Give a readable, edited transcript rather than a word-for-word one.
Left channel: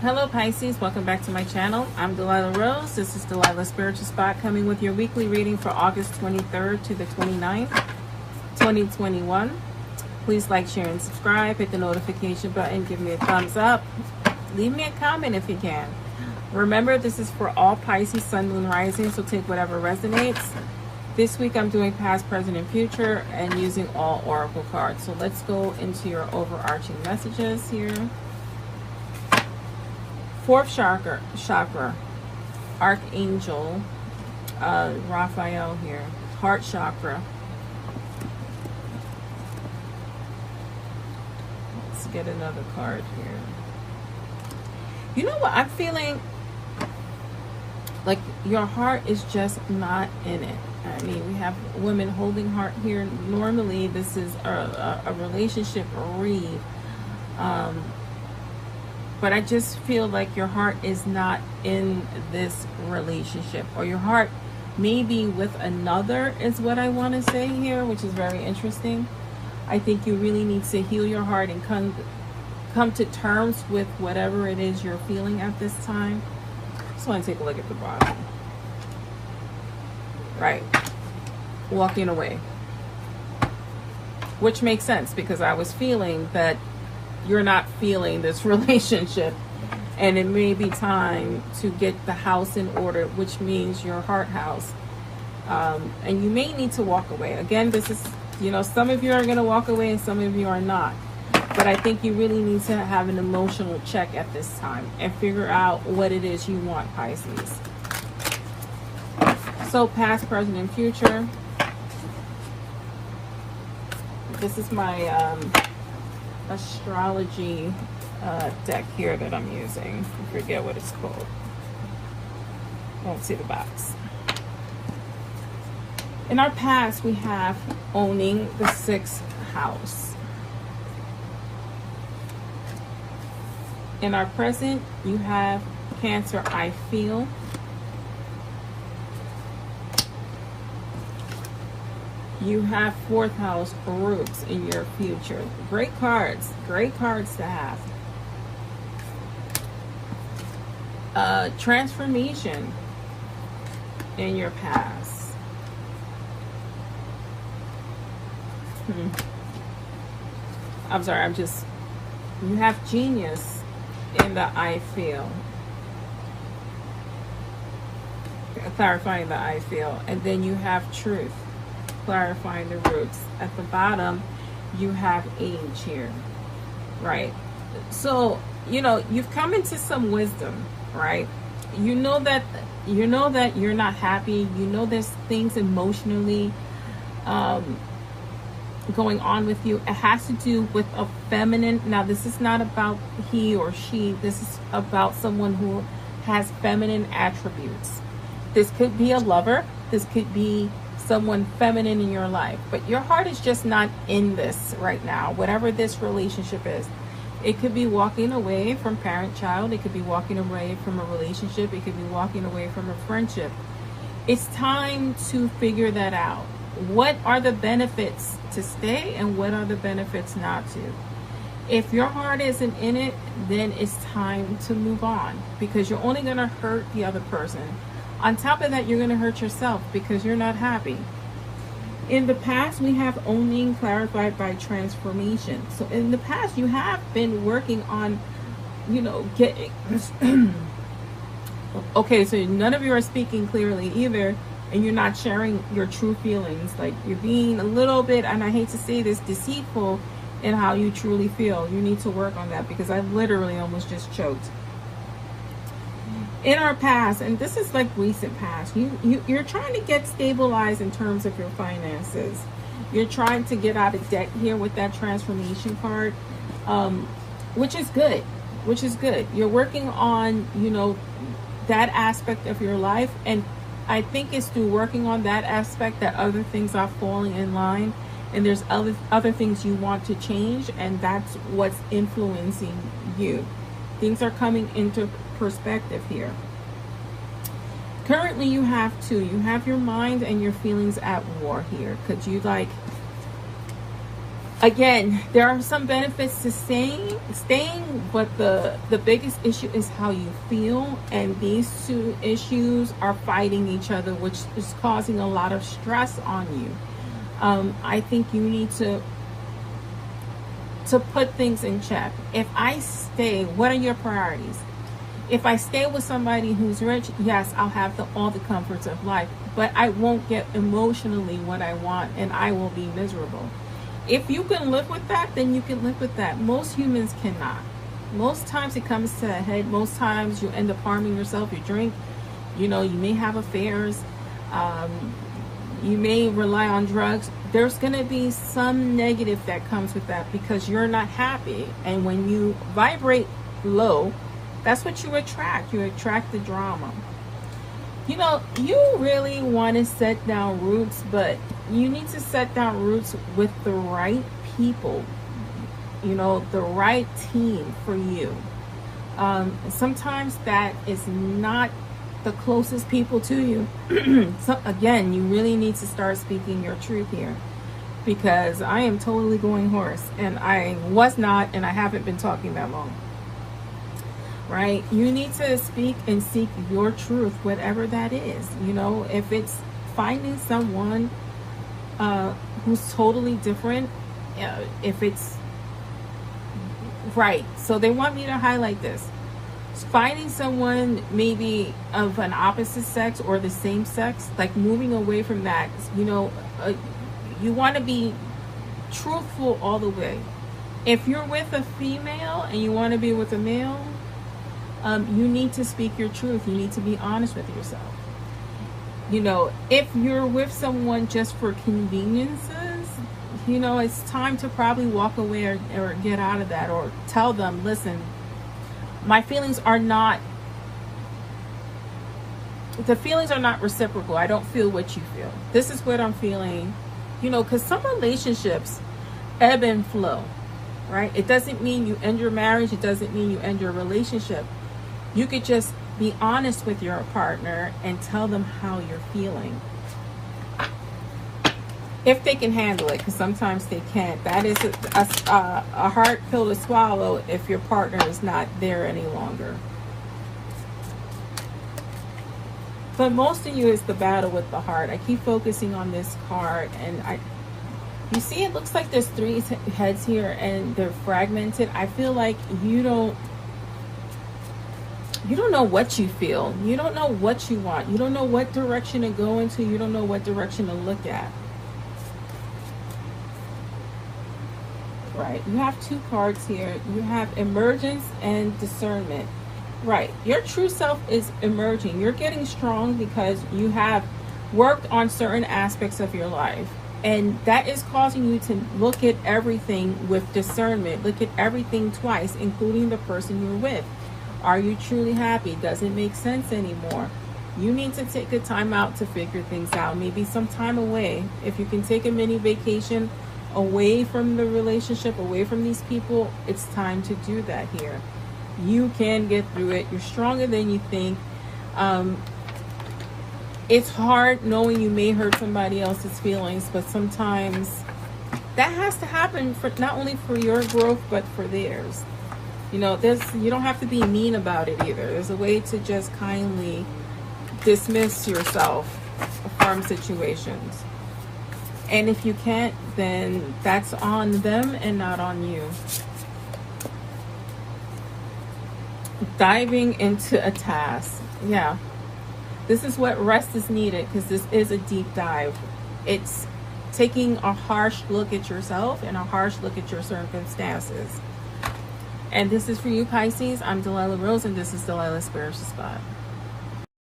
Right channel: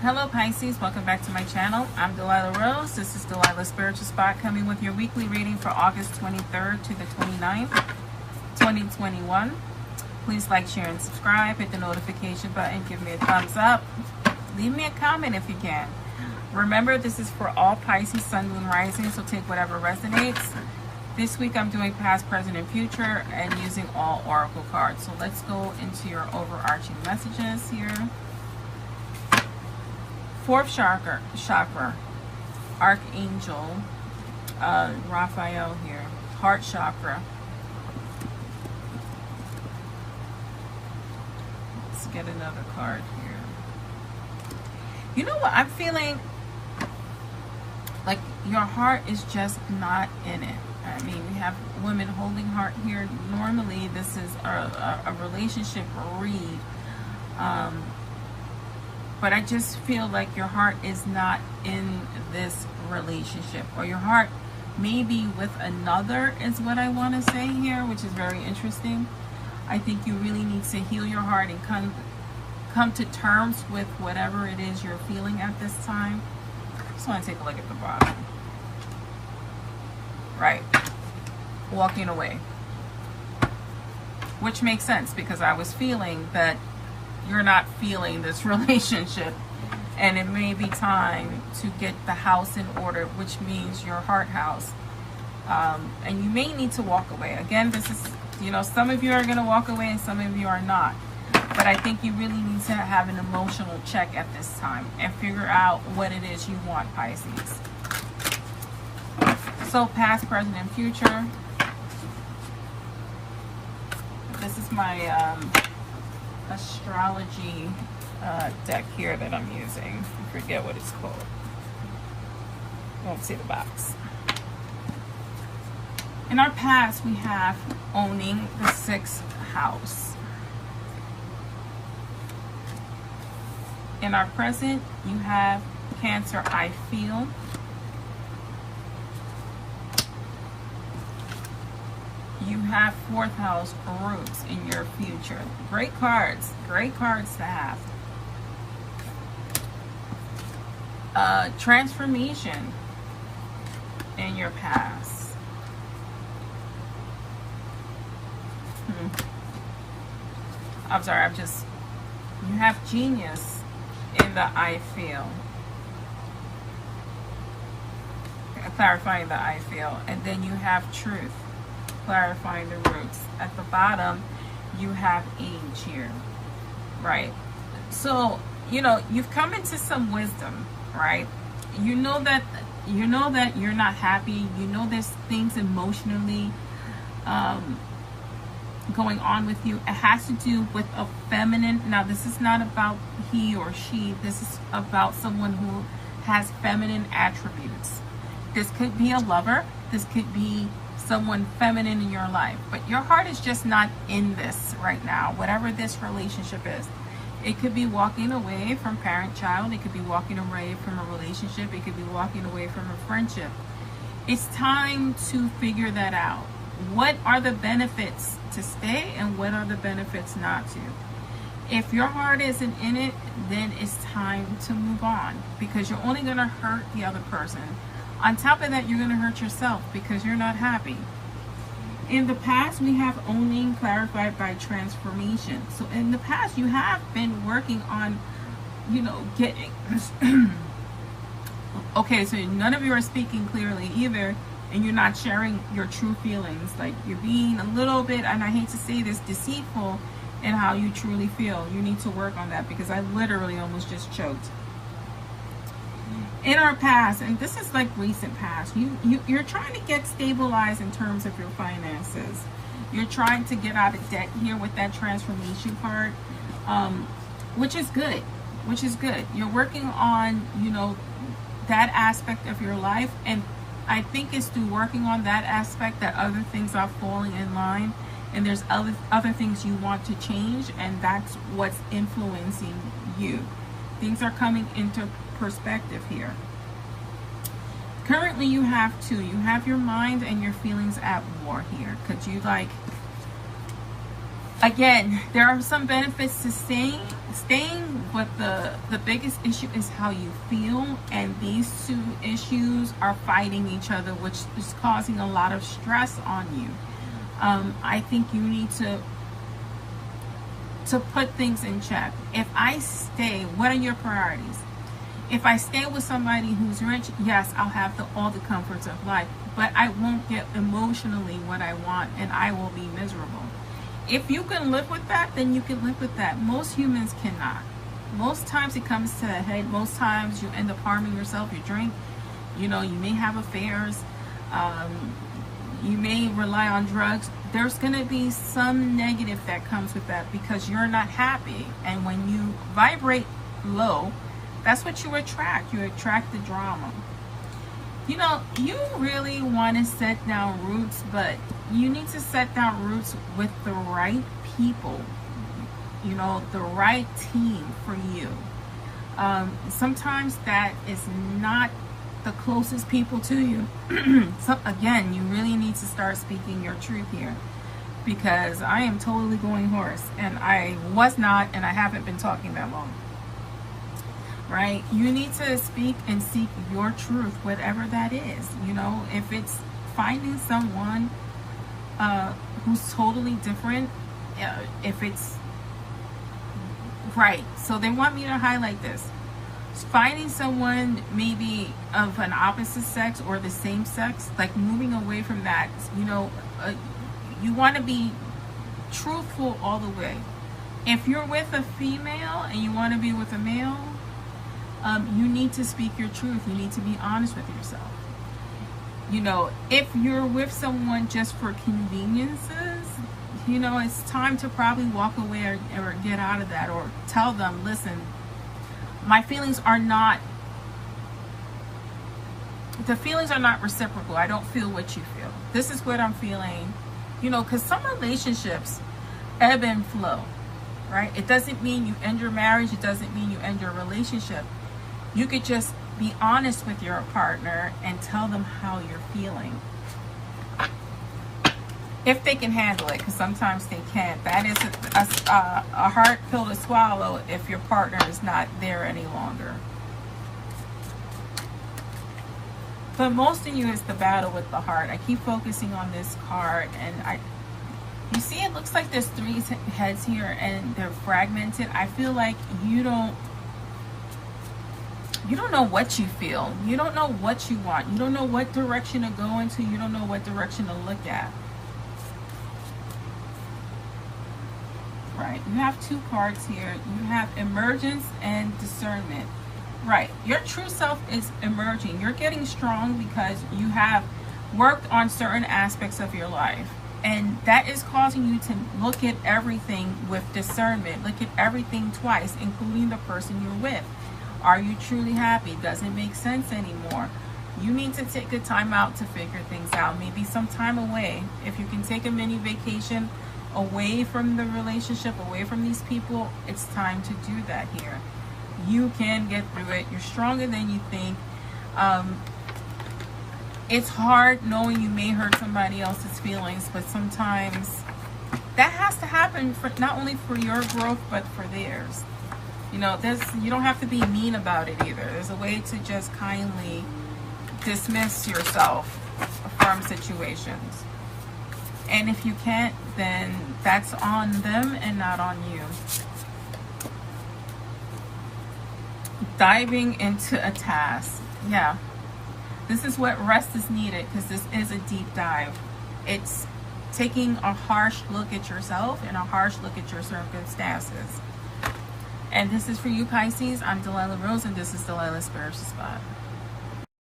Hello Pisces, welcome back to my channel. I'm Delilah Rose. This is Delilah Spiritual Spot coming with your weekly reading for August 23rd to the 29th, 2021. Please like, share, and subscribe. Hit the notification button. Give me a thumbs up. Leave me a comment if you can. Remember, this is for all Pisces, Sun, Moon, Rising, so take whatever resonates. This week I'm doing past, present, and future and using all oracle cards. So let's go into your overarching messages here. Fourth chakra, Archangel Raphael here. Heart chakra. Let's get another card here. You know what? I'm feeling like your heart is just not in it. I mean, we have women holding heart here. Normally, this is a relationship read. But I just feel like your heart is not in this relationship, or your heart may be with another is what I want to say here, which is very interesting. I think you really need to heal your heart and come to terms with whatever it is you're feeling at this time. Just want to take a look at the bottom. Right. Walking away. Which makes sense, because I was feeling that you're not feeling this relationship, and it may be time to get the house in order, which means your heart house, and you may need to walk away. Again, this is, you know, some of you are going to walk away and some of you are not, but I think you really need to have an emotional check at this time and figure out what it is you want, Pisces. So past, present, and future. This is my astrology deck here that I'm using. I forget what it's called. Let's see the box. In our past, we have owning the 6th house. In our present, you have Cancer, I feel. You have 4th house, roots, in your future. Great cards to have. Transformation in your past. I'm sorry, you have genius in the I feel. Clarifying the I feel. And then you have truth. Clarifying the roots. At the bottom, you have age here, right? So, you know, you've come into some wisdom, right? You know that you're not happy. You know there's things emotionally going on with you. It has to do with a feminine. Now, this is not about he or she. This is about someone who has feminine attributes. This could be a lover. This could be someone feminine in your life, but your heart is just not in this right now, whatever this relationship is. It could be walking away from parent-child. It could be walking away from a relationship. It could be walking away from a friendship. It's time to figure that out. What are the benefits to stay and what are the benefits not to? If your heart isn't in it, then it's time to move on, because you're only going to hurt the other person. On top of that, you're going to hurt yourself because you're not happy. In the past, we have owning clarified by transformation. So in the past, you have been working on, you know, getting... Okay, so none of you are speaking clearly either, and you're not sharing your true feelings. Like, you're being a little bit, and I hate to say this, deceitful in how you truly feel. You need to work on that, because I literally almost just choked. In our past, and this is like recent past, you're trying to get stabilized in terms of your finances. You're trying to get out of debt here with that transformation card, which is good. You're working on, you know, that aspect of your life, and I think it's through working on that aspect that other things are falling in line, and there's other things you want to change, and that's what's influencing you. Things are coming into perspective here. Currently, you have your mind and your feelings at war here. Could you, like, Again, there are some benefits to staying, but the biggest issue is how you feel, and these two issues are fighting each other, which is causing a lot of stress on you. I think you need to put things in check. If I stay, what are your priorities? If I stay with somebody who's rich, yes, I'll have all the comforts of life, but I won't get emotionally what I want, and I will be miserable. If you can live with that, then you can live with that. Most humans cannot. Most times it comes to a head. Most times you end up harming yourself. You drink, you may have affairs. You may rely on drugs. There's going to be some negative that comes with that because you're not happy. And when you vibrate low, that's what you attract. You attract the drama. You really want to set down roots, but you need to set down roots with the right people, the right team for you. Sometimes that is not the closest people to you. So again, you really need to start speaking your truth here, because I am totally going hoarse, and I was not, and I haven't been talking that long. Right? You need to speak and seek your truth, whatever that is. If it's finding someone who's totally different, if it's right. So they want me to highlight this. Finding someone maybe of an opposite sex or the same sex, like moving away from that. You want to be truthful all the way. If you're with a female and you want to be with a male, you need to speak your truth. You need to be honest with yourself. If you're with someone just for conveniences, it's time to probably walk away or get out of that, or tell them, listen, my feelings are not reciprocal. I don't feel what you feel. This is what I'm feeling. Because some relationships ebb and flow, right? It doesn't mean you end your marriage. It doesn't mean you end your relationship. You could just be honest with your partner and tell them how you're feeling. If they can handle it, because sometimes they can't. That is a hard pill to swallow if your partner is not there any longer. But most of you is the battle with the heart. I keep focusing on this card, and you see it looks like there's 3 heads here and they're fragmented. I feel like you don't know what you feel. You don't know what you want. You don't know what direction to go into. You don't know what direction to look at. Right. You have 2 cards here. You have emergence and discernment. Right. Your true self is emerging. You're getting strong because you have worked on certain aspects of your life. And that is causing you to look at everything with discernment. Look at everything twice, including the person you're with. Are you truly happy? Does it make sense anymore? You need to take a time out to figure things out. Maybe some time away. If you can take a mini vacation away from the relationship, away from these people, it's time to do that here. You can get through it. You're stronger than you think. It's hard knowing you may hurt somebody else's feelings, but sometimes that has to happen for not only for your growth, but for theirs. You don't have to be mean about it either. There's a way to just kindly dismiss yourself from situations. And if you can't, then that's on them and not on you. Diving into a task. Yeah. This is what rest is needed, because this is a deep dive. It's taking a harsh look at yourself and a harsh look at your circumstances. And this is for you, Pisces. I'm Delilah Rose, and this is Delilah's Spiritual Spot.